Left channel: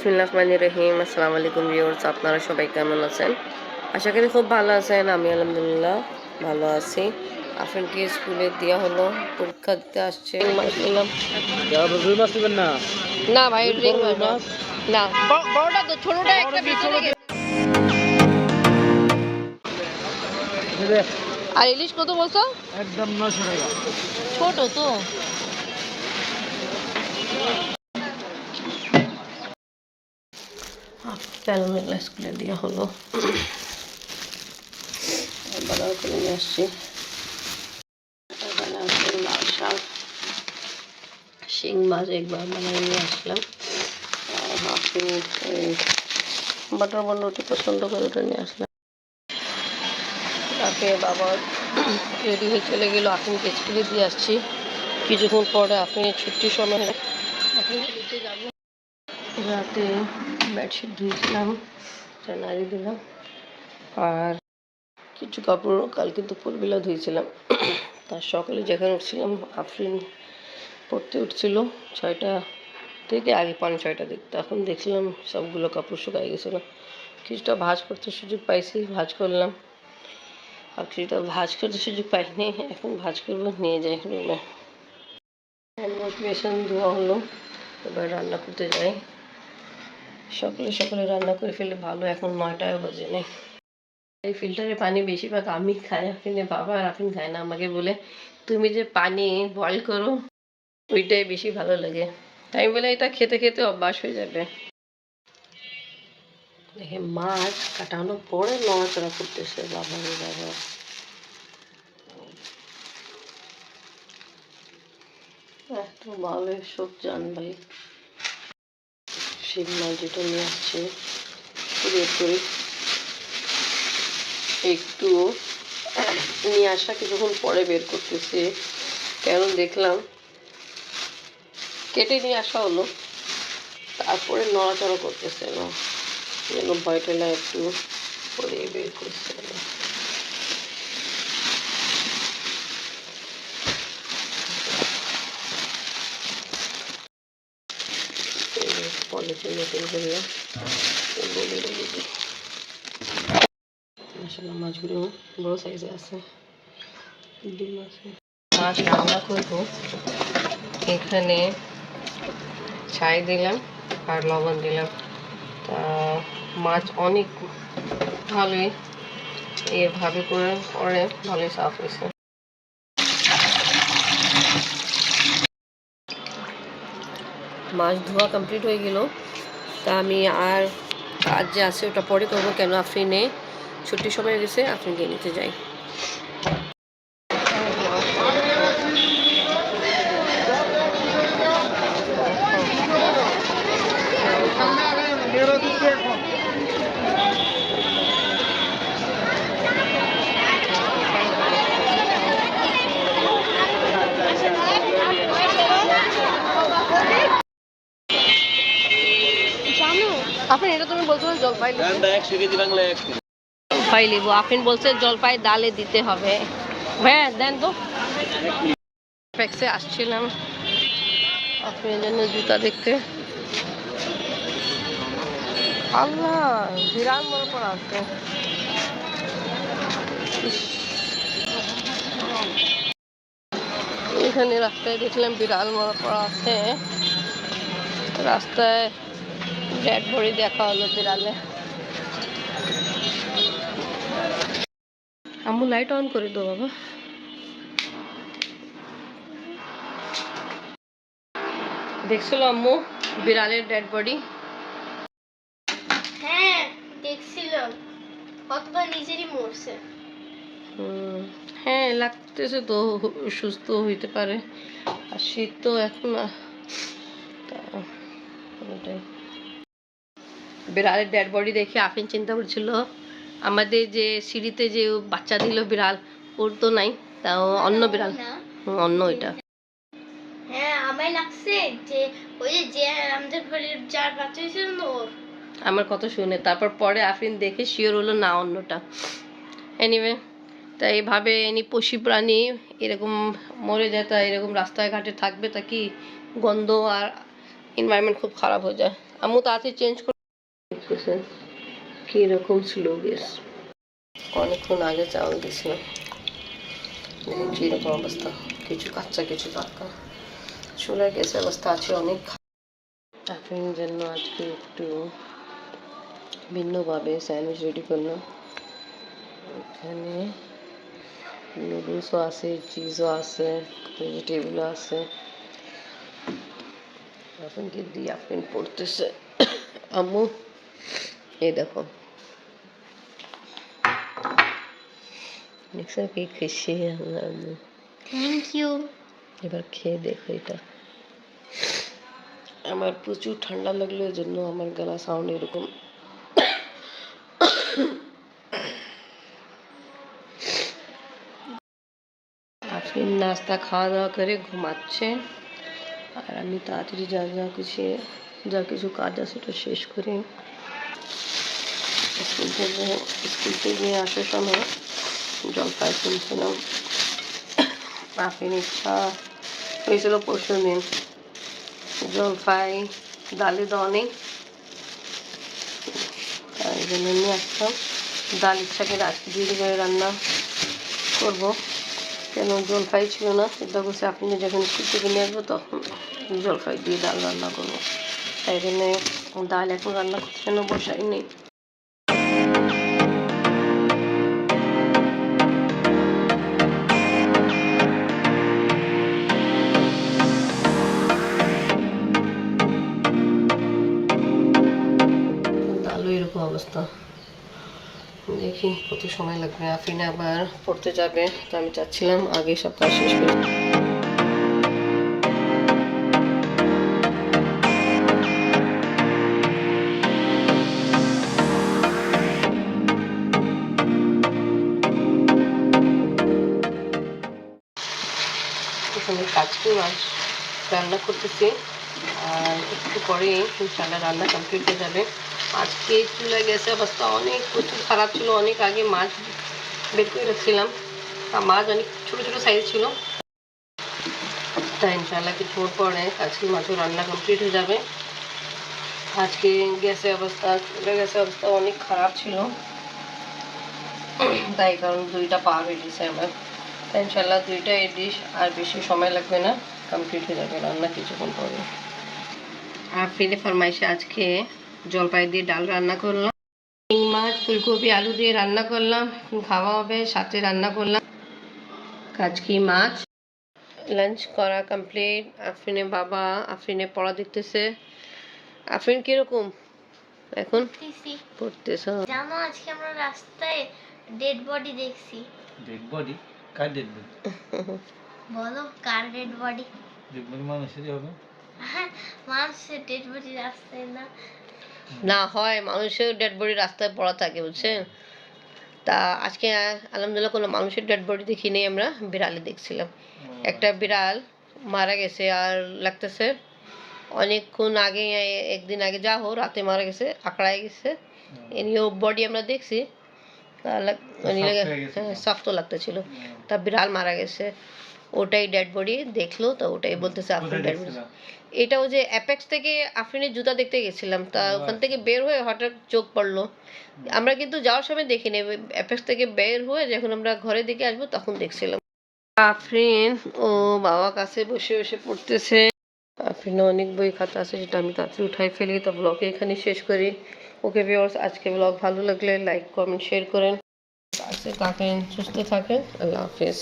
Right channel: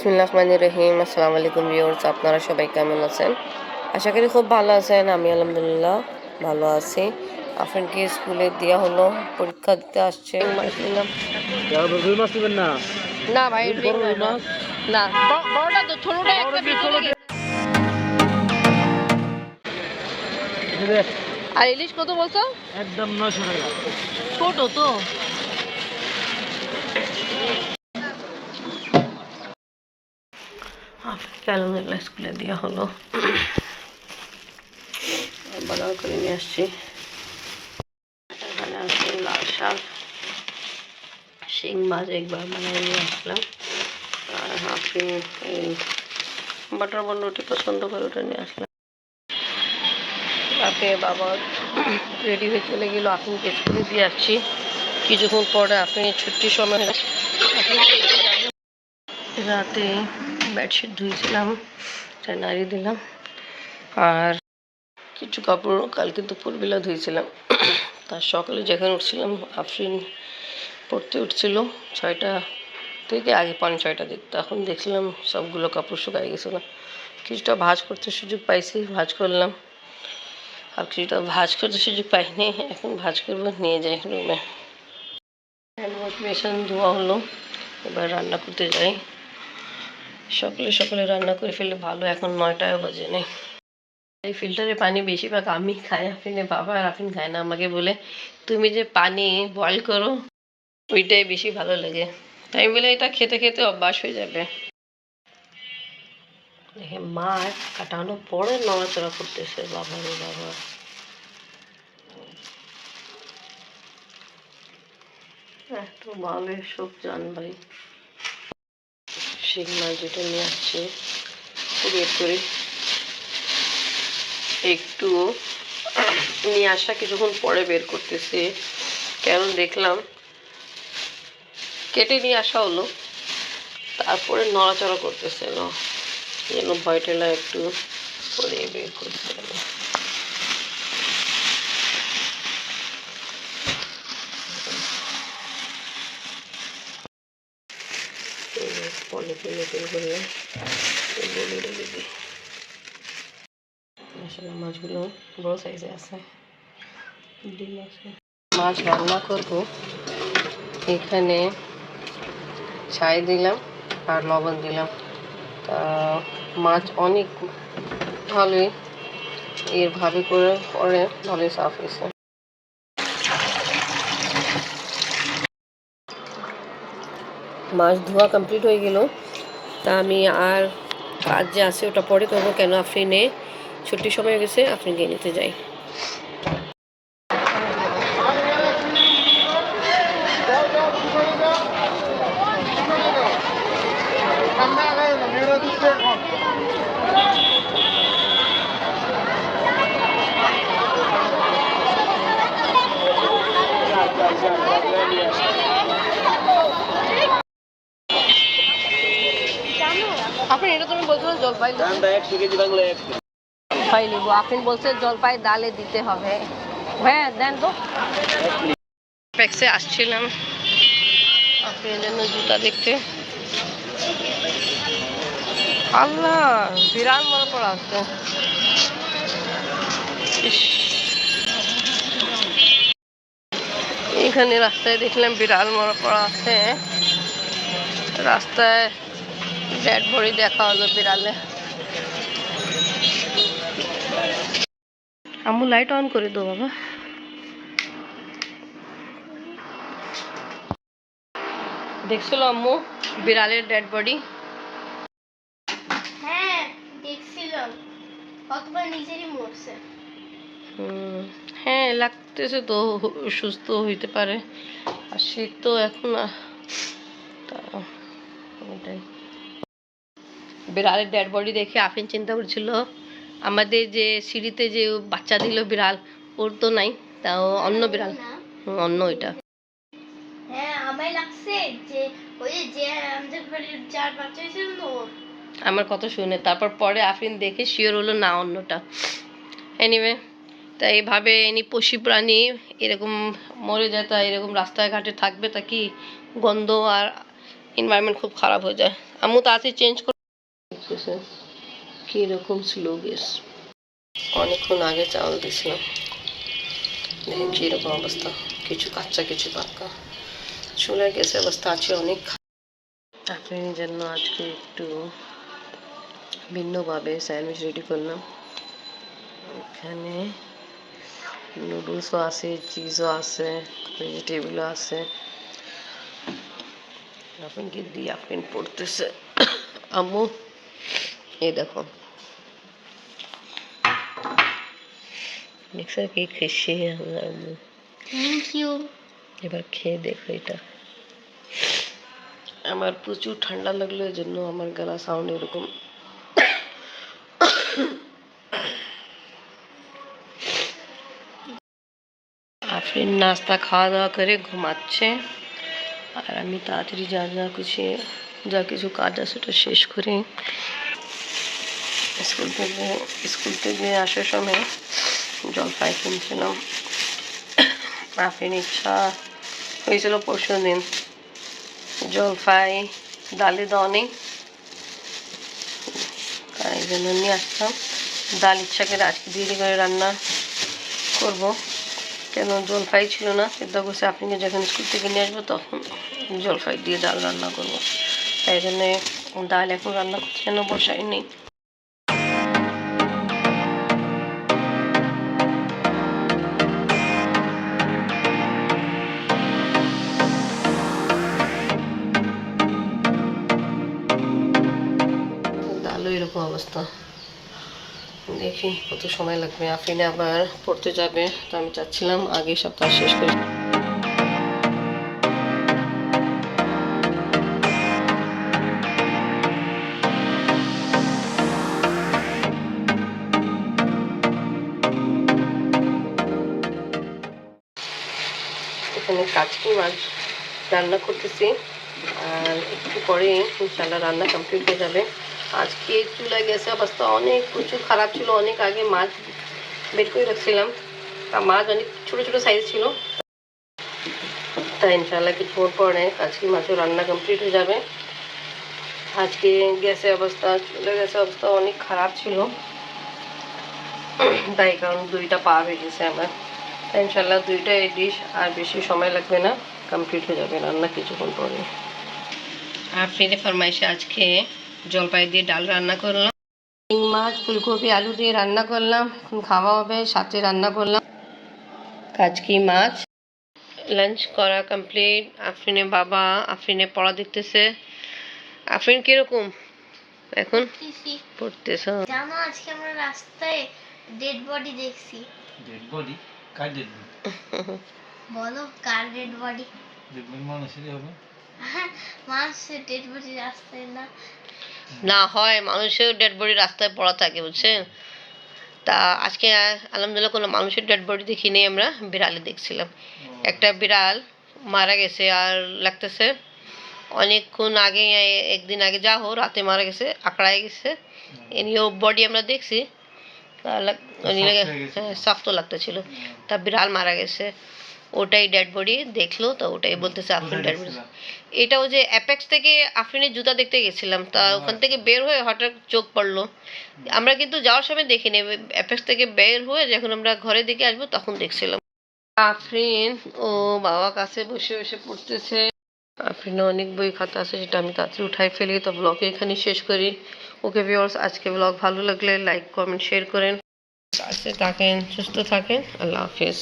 বিসমিল্লাহির রহিম। আসসালামু আলাইকুম ভিউয়ার্স, আপনারা সবাই কেমন আছেন? আশা করি খুব ভালো আছেন। আমি আলহামদুলিল্লাহ ভালো আছি। আফরিনকে স্কুলে দেওয়া হলো, পরীক্ষা দিতে আসছে। মাছ নিলাম রুই মাছ নেবেন না? না ভাই, রিং রুই না, মাছ না বড়টা তো, ছোটটা একটা ভিতরে গেছে। আর ইলিশ কত বলছো? একদম 900 টাকা। ছোট তো। আলহামদুলিল্লাহ স্কুলে দেওয়া হলো, বাজার করে নিয়ে আসছি। এখানে আছে লাল শাক, শিং মাছ একবার বানিয়ে নিয়ে আসলাম। আর আফরিন এই বাটার বন রুটি পছন্দ করে, ওটা নিয়ে আসলাম। রাতে বাবা রেডি হয়ে চলে গেল, আফরিনকে স্কুলে দিয়ে আসছি। কিছুক্ষণ পরে আফরিনের ছুটির সময় রাতে বেডশিট ধুয়েছিলাম, নাড়িয়ে দিলাম। আর কিছু কাপড় কালকে দুপুরবেলা ধুয়েছিলাম। তার সকালে যখন উঠছিলাম, আফরিন পড়তে উঠছিল 6টা থেকে, আগে 5:30 দিক। তখন দেখছিলাম সবগুলো কাপড় শুকাই গেছিলো। কিছুটা ভাঁজ করতে সুযোগ পাইছি, ভাঁজ করলাম। আর কিছুটা ভাঁজ করতে সুযোগ পাইনি, এখন ভাঁজ করবো, নিয়ে যাই রুমে। হ্যান্ড ওয়াশ বেসন ধোয়া হলো, এবার রান্না করতে যাই। সকালে সকালে রান্না করে ফেলে ভালো, এখন 9টাও বাজে নেই। এই ফিল্টারের পানি বেশিরভাগ আমি খাই, আফরিনের বাবা আর আফরিন খায় না। আমাকে বলে তুমি যে পানি বয়েল করো ওইটাই বেশি ভালো লাগে। তাই বলে এটা খেতে খেতে অভ্যাস হয়ে যাবে। দেখে মাছ কাটানোর পরে নড়াচড়া করতেছে, বাবা রে বাবা। এত ভালোই সব জান ভাই। শিং মাছ দুটো নিয়ে আসছে, বের করি একটু নিয়ে আসা কিছুক্ষণ পরে বের করতেছি, কারণ দেখলাম কেটে নিয়ে আসা হলো, তারপরে নড়াচড়া করতেছে না, যেন ভয় টেলা একটু পরে বের করতে হবে। পলিথিন নতুন করে বলে রেখে দিই। আসলে মাছগুলো বড় সাইজে আছে, ডিম আছে। মাছ রান্না করবো, এখানে ছাই দিলাম আর লবণ দিলাম। তা মাছ অনেক ভালোই এভাবে করে পরে ভালোই সাফ হয়েছে। মাছ ধোয়া কমপ্লিট হয়ে গেল। তা আমি আর কাজ যে আছে ওটা পরে করবো, কেন আফরিনে ছুটির সময় হয়ে গেছে, আফরিনকে নিতে যাই। আফরিন, এটা তুমি বলছো জলপাই জলপাই লেবু, আফরিন বলছে জলপাই ডালে দিতে হবে। হ্যাঁ দেন তো। প্যাক্সে আসছিলাম আফরিনের জন্য জুতা দেখতে। আল্লাহ, বিরাট বড় পড়া আছে। এখানে রাস্তায় দেখলাম বিড়াল মরা পড়া আছে, রাস্তায় ডেড বডি দেখা হলো বিড়ালে। আম্মু লাইট অন করে দো বাবা। দেখছিল আম্মু বিড়ালের ডেড বডি? হ্যাঁ দেখছিলাম, কতবার নিজেরই মরছে। হ্যাঁ লাগতেছে তো, সুস্থ হইতে পারে। আর শীত তো এখন, ওটাই। বিড়ালের ডেড বডি দেখে আফরিন চিন্তা করছিল আমাদের যে সিঁড়িতে যে বাচ্চা দিল বিড়াল, ওর তো নাই, তাও অন্য বিড়াল, অন্য এটা। হ্যাঁ আমায় লাগছে যে ওই যে আমাদের ঘরের যার বাচ্চা হয়েছিল না ওর। আমার কথা শুনে তারপর পরে আফরিন দেখে শিওর হলো না অন্যটা। এনিওয়ে, তাই এইভাবে এনি পশু প্রাণী এরকম মরে যায়, তা এরকম রাস্তায় ঘাটে থাকবে তা কি গন্ধ আর এনवायरमेंट খুব খারাপ হয়ে যায়। আম্মু তাড়াতাড়ি চেঞ্জ করে দেখতেছেন কীরকম স্লো গ্যাস। অনেকক্ষণ আগে চাউল দিয়েছিলাম, দেখেন কীরকম অবস্থা, কিছু কাঁচা কিছু পাক্কা। চুলার গ্যাসের অবস্থা আছে অনেক খারাপ। আপনার জন্য আজকে একটু ভিন্নভাবে স্যান্ডউইচ রেডি করলাম। এখানে নুডলসও আছে, চিজও আছে, ভেজিটেবলও আছে। আপনাকে দিয়ে আপনি পড়তেছে আম্মু, এই দেখো মিক্সার কেক খেয়েছি আমরা আম্মু। Thank you. এবার খেয়ে দেখো এটা। আমার প্রচুর ঠান্ডা লাগলো, এই জন্য আমার গলা সাউন্ড এরকম। আপনি নাস্তা খাওয়া দাওয়া করে ঘুমাচ্ছে, আর আমি তাড়াতাড়ি যা কিছু কাজ আছে সেটা শেষ করি। স্কুল থেকে আসার সময় জলপাই কিনছিলাম। আফরিন ইচ্ছা হয়েছিল পরশু দিন জলপাই ডালে দেওয়া নেই, তাই জন্য নিয়ে আসতাম। ডাল ইচ্ছা করে আজকে দেরি করে রান্না করব, কেন জলপাই ছিল না। চিন্তা করছি আপনি যখন স্কুল থেকে নিয়ে আসবো তখন জলপাই দিয়ে ডাল রান্না করবো, তাই জন্যে ডাল এখন রান্না করছি, কেন বসাই নেই। ডালও এরকম অবস্থা, দেখি কত সময় লাগবে। আফরিনে আবার পড়তে যাবে, তো আমি চাচ্ছিলাম আগে সপ্তাহ শেষ করি। এখানে কাচকি মাছ রান্না করতেছি, আর একটু পরে ইনশাল্লাহ রান্না কমপ্লিট হয়ে যাবে। আজকে চুলা গেছে অবস্থা অনেক প্রচুর খারাপ ছিল। অনেক আগে মাছ বের করে রাখছিলাম, মাছ অনেক ছোটো ছোটো সাইজ ছিল, তাই ইনশাল্লাহ কিছুক্ষণ পরে কাচকি মাছের রান্না কমপ্লিট হয়ে যাবে। আজকে চুলা গ্যাসের অবস্থা অনেক খারাপ ছিল, তাই কারণ 2টা পার হয়ে গেছে আমার। তাই ইনশাল্লাহ 2টা ডিশ আর বেশি সময় লাগবে না, কমপ্লিট হয়ে যাবে রান্না কিছুক্ষণ পরে। আফরিনে ফরমাইশে আজকে জলপাই দিয়ে ডাল রান্না করলাম, শিং মাছ ফুলকপি আলু দিয়ে রান্না করলাম, এখন খাওয়া হবে। সাথে রান্না করলাম কাচকি মাছ। লাঞ্চ করা কমপ্লিট। আফরিনের বাবা আফরিনে পড়া দেখতেছে। আফরিন কিরকম এখন পড়তেছ? জানো আজকে আমরা রাস্তায় ডেড বডি দেখছি। Dead body? কার ডেড বডি? বলো কার ডেড বডি? ডেড বডি মানুষেরই হবে। মানুষের ডেড বডি রাস্তায় না? না হয় মানুষের ডেড বডি রাস্তায় পড়া থাকে, বুঝছেন। তা আজকে আলহামদুলিল্লাহ কোনো মানুষের ডেড বডি দেখিনি, আমরা বিড়ালে দেখছিলাম। একটা বিড়াল মারা গেছে, আর লাগতেছে অনেকক্ষণ আগে, একদিন আগে যা হোক রাতে মারা গেছে, আকড়ায় গেছে। এনিও বডি আমরা দেখছি, হ্যাঁ শক্ত লাগতেছিল। তা বিড়াল মারা গেছে, ওটাই ডেড বডি দেখলো, তো ওটাই বলতেছে আফরিন ডেড বডি। এটাও যে অ্যাপেক্স থেকে আফরিনের জুতা দেখতে গেছিলাম, তা ওখান থেকে বের হয়ে হঠাৎ চোখ পড়লো। আমরা কিন্তু যাওয়ার সময় দেখিনি, অ্যাপেক্স থেকে বের হয়ে যখন আমরা ঘরের দিকে আসবো তখন দেখছিলাম। আফরিন ও বাবা কাছে বসে বসে পড়তেছে। আফরিনের অনেক বই খাতা আছে, সেটা আমি তাড়াতাড়ি উঠাই ফেলি। তো ব্লগে এখানে শেষ করি। ওকে ভিউয়ার্স, আজকে ব্লগ ভালো লাগলে লাইক কমেন্ট শেয়ার করেন। কাছে থাকেন, সুস্থ থাকেন, আল্লাহ হাফেজ।